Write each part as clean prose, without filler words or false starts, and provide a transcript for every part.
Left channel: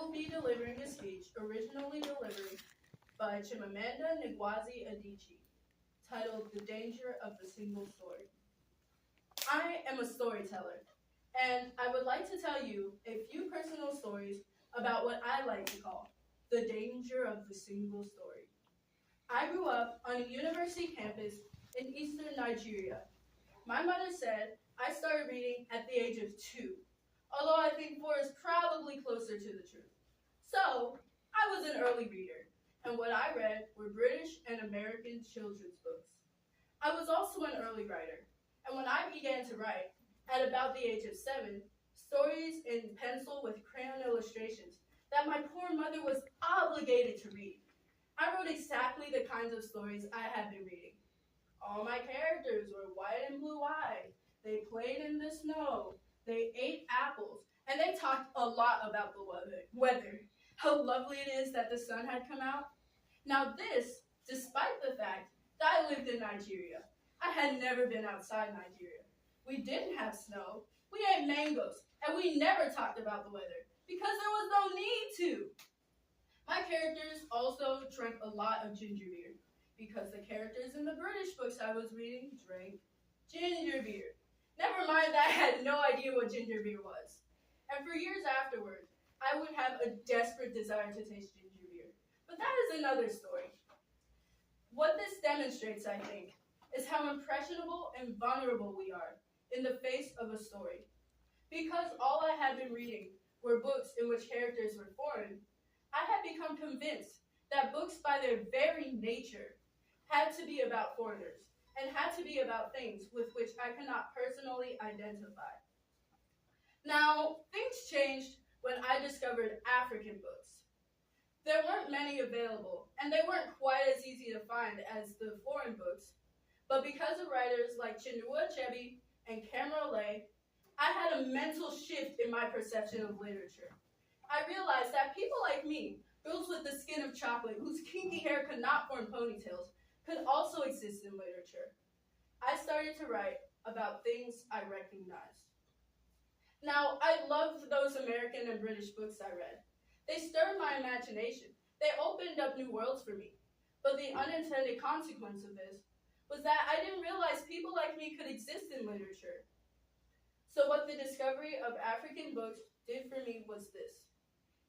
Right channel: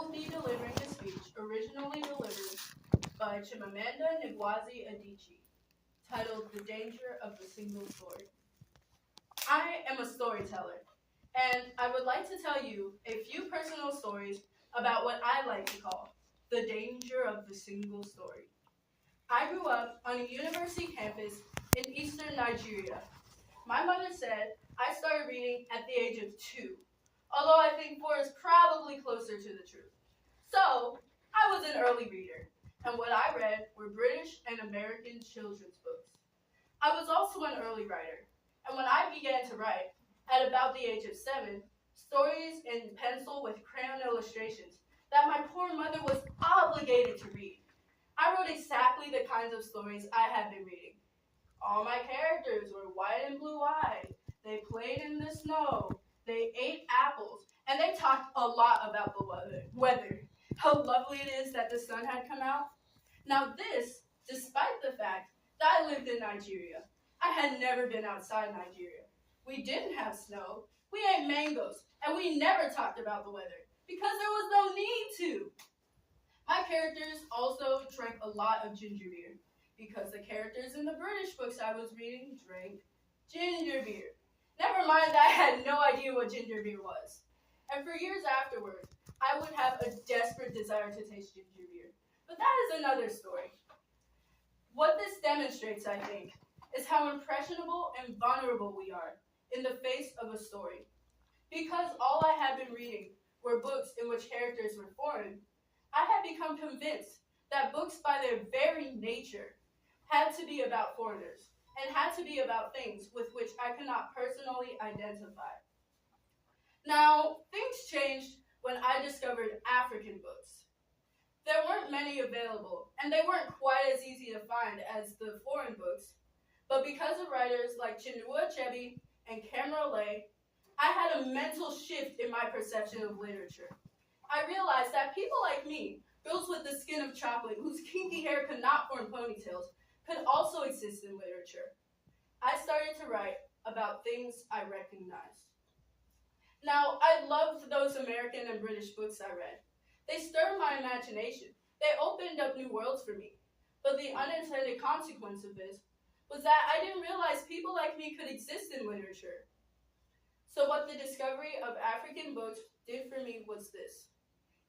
will be delivering a speech originally delivered by Chimamanda Ngozi Adichie, titled The Danger of the Single Story. I am a storyteller, and I would like to tell you a few personal stories about what I like to call the danger of the single story. I grew up on a university campus in eastern Nigeria. My mother said I started reading at the age of 2, although I think 4 is probably closer to the truth. So, I was an early reader, and what I read were British and American children's books. I was also an early writer, and when I began to write, at about the age of 7, stories in pencil with crayon illustrations that my poor mother was obligated to read. I wrote exactly the kinds of stories I had been reading. All my characters were white and blue-eyed. They played in the snow. They ate apples. And they talked a lot about the weather. How lovely it is that the sun had come out. Now this, despite the fact that I lived in Nigeria. I had never been outside Nigeria. We didn't have snow. We ate mangoes. And we never talked about the weather because there was no need to. My characters also drank a lot of ginger beer because the characters in the British books I was reading drank ginger beer. Never mind that I had no idea what ginger beer was. And for years afterward, I would have a desperate desire to taste ginger beer. But that is another story. What this demonstrates, I think, is how impressionable and vulnerable we are in the face of a story. Because all I had been reading were books in which characters were foreign, I had become convinced that books by their very nature had to be about foreigners and had to be about things with which I could not personally identify. Now, things changed when I discovered African books. There weren't many available, and they weren't quite as easy to find as the foreign books, but because of writers like Chinua Achebe and Cameron Lay, I had a mental shift in my perception of literature. I realized that people like me, girls with the skin of chocolate whose kinky hair could not form ponytails, could also exist in literature. I started to write about things I recognized. Now, I loved those American and British books I read. They stirred my imagination. They opened up new worlds for me. But the unintended consequence of this was that I didn't realize people like me could exist in literature. So what the discovery of African books did for me was this.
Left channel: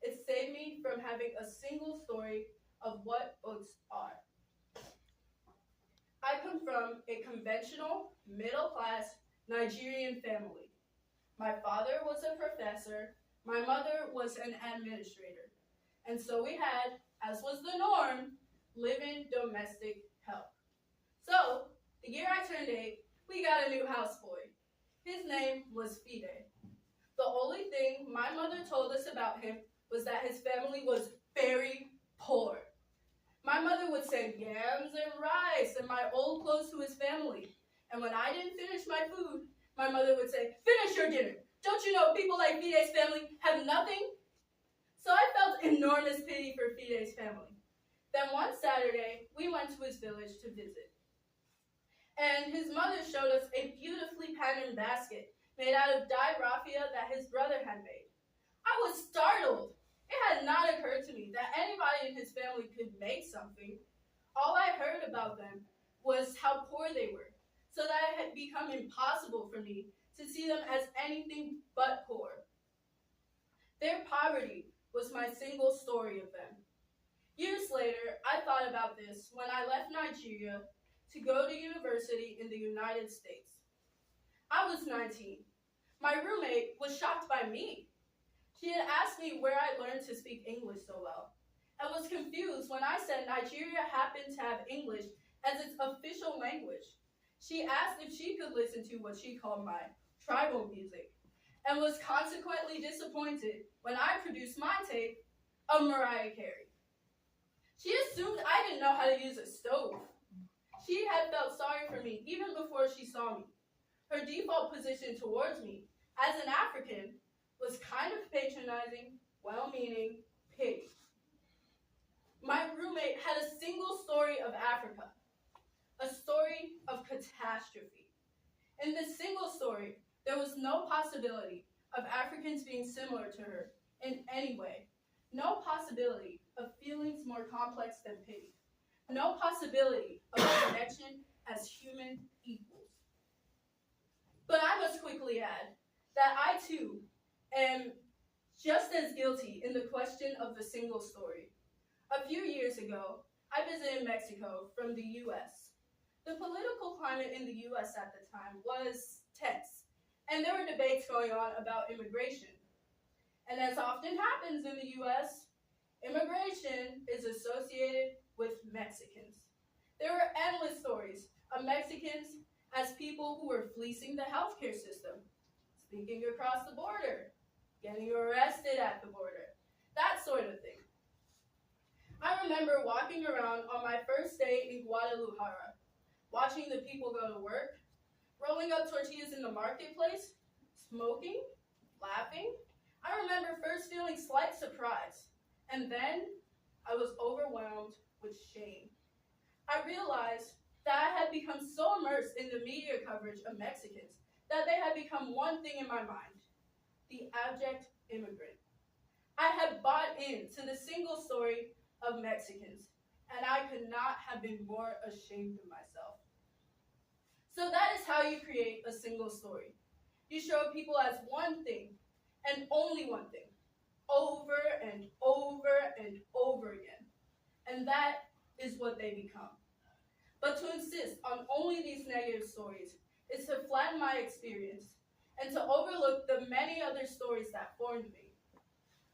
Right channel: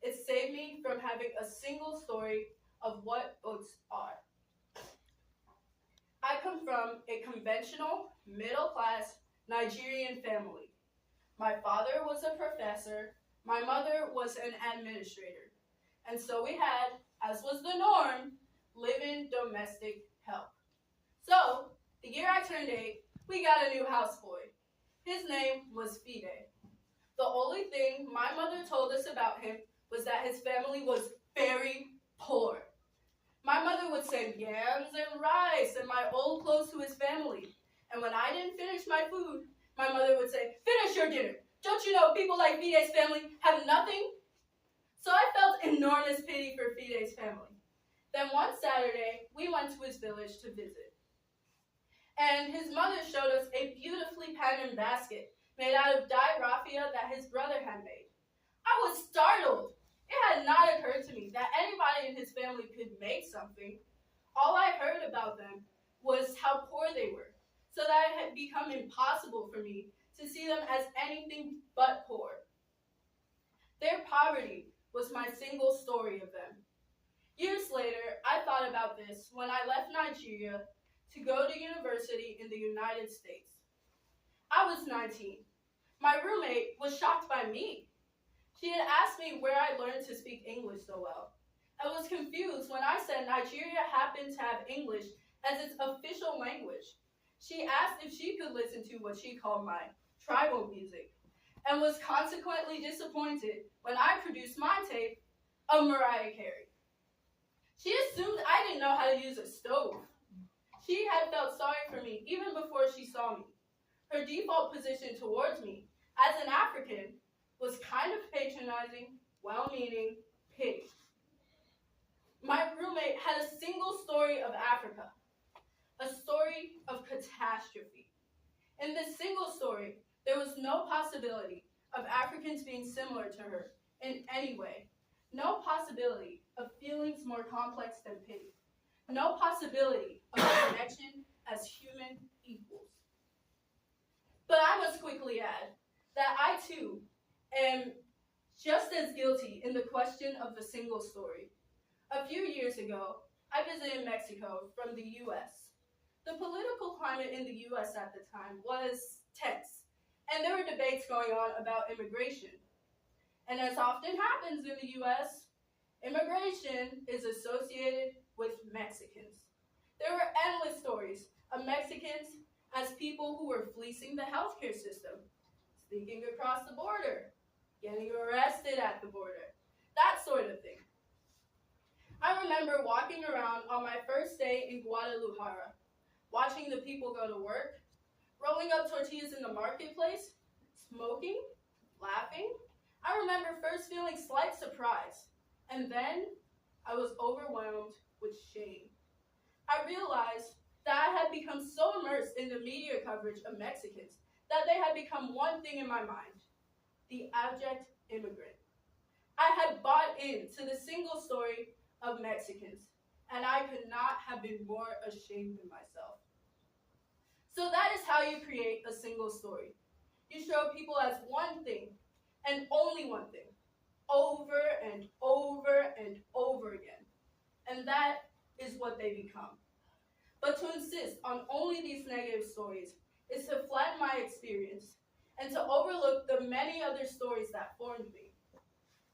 It saved me from having a single story of what books are. I come from a conventional, middle-class Nigerian family. My father was a professor, my mother was an administrator, and so we had, as was the norm, live-in domestic help. So, the year I turned 8, we got a new houseboy. His name was Fide. The only thing my mother told us about him was that his family was very poor. My mother would send yams and rice and my old clothes to his family. And when I didn't finish my food, my mother would say, "Finish your dinner. Don't you know people like Fide's family have nothing?" So I felt enormous pity for Fide's family. Then one Saturday, we went to his village to visit. And his mother showed us a beautifully patterned basket made out of dyed raffia that his brother had made. I was startled. It had not occurred to me that anybody in his family could make something. All I heard about them was how poor they were, so that it had become impossible for me to see them as anything but poor. Their poverty was my single story of them. Years later, I thought about this when I left Nigeria to go to university in the United States. I was 19. My roommate was shocked by me. She had asked me where I learned to speak English so well. I was confused when I said Nigeria happened to have English as its official language. She asked if she could listen to what she called my tribal music, and was consequently disappointed when I produced my tape of Mariah Carey. She assumed I didn't know how to use a stove. She had felt sorry for me even before she saw me. Her default position towards me, as an African, was kind of patronizing, well-meaning, pity. My roommate had a single story of Africa, a story of catastrophe. In this single story, there was no possibility of Africans being similar to her in any way. No possibility of feelings more complex than pity. No possibility of connection as human equals. But I must quickly add that I too am just as guilty in the question of the single story. A few years ago, I visited Mexico from the US. The political climate in the US at the time was tense, and there were debates going on about immigration. And as often happens in the US, immigration is associated with Mexicans. There were endless stories of Mexicans as people who were fleecing the healthcare system, sneaking across the border, getting arrested at the border, that sort of thing. I remember walking around on my first day in Guadalajara, watching the people go to work, rolling up tortillas in the marketplace, smoking, laughing. I remember first feeling slight surprise, and then I was overwhelmed with shame. I realized that I had become so immersed in the media coverage of Mexicans that they had become one thing in my mind: the abject immigrant. I had bought into the single story of Mexicans, and I could not have been more ashamed of myself. So that is how you create a single story. You show people as one thing, and only one thing, over and over and over again. And that is what they become. But to insist on only these negative stories is to flatten my experience and to overlook the many other stories that formed me.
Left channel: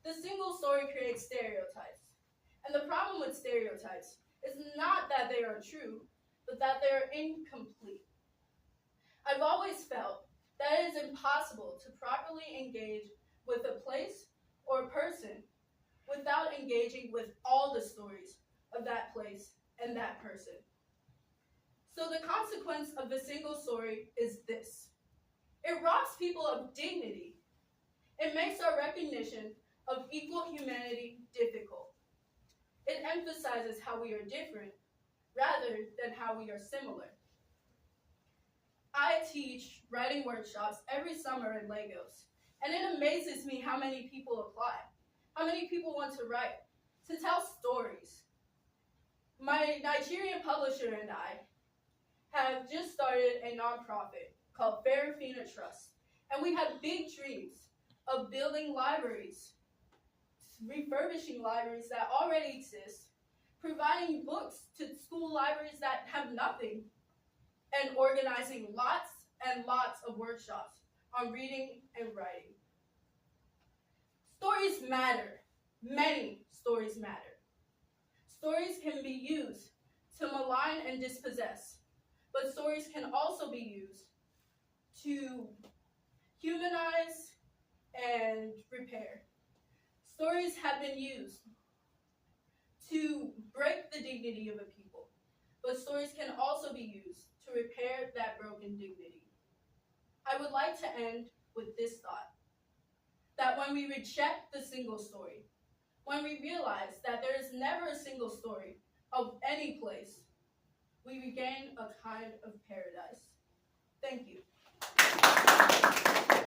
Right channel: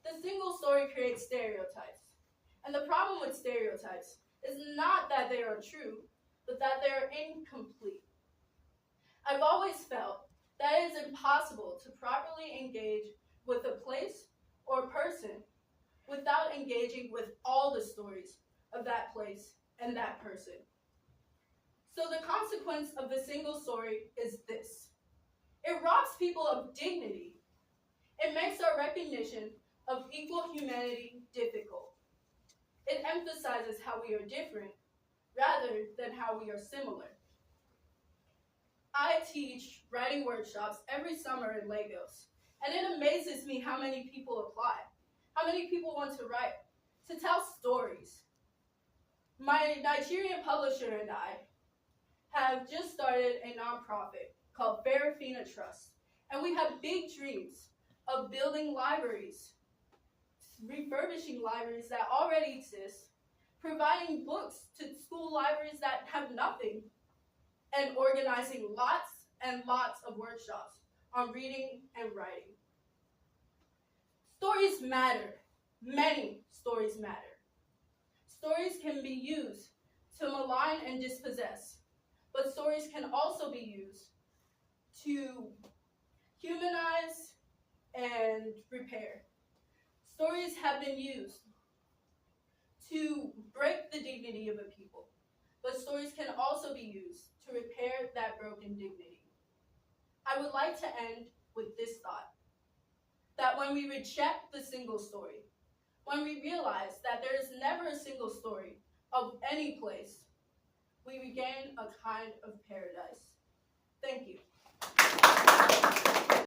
The single story creates stereotypes. And the problem with stereotypes is not that they are true, but that they are incomplete. I've always felt that it is impossible to properly engage with a place or person without engaging with all the stories of that place and that person. So the consequence of the single story is this: it robs people of dignity. It makes our recognition of equal humanity difficult. It emphasizes how we are different rather than how we are similar. I teach writing workshops every summer in Lagos, and it amazes me how many people apply, how many people want to write, to tell stories. My Nigerian publisher and I have just started a nonprofit called Farafina Trust, and we have big dreams of building libraries, refurbishing libraries that already exist, providing books to school libraries that have nothing, and organizing lots and lots of workshops on reading and writing. Stories matter. Many stories matter. Stories can be used to malign and dispossess, but stories can also be used to humanize and repair. Stories have been used to break the dignity of a people, but stories can also be used to repair that broken dignity. I would like to end with this thought: that when we reject the single story, when we realize that there is never a single story of any place, we regain a kind of paradise. Thank you.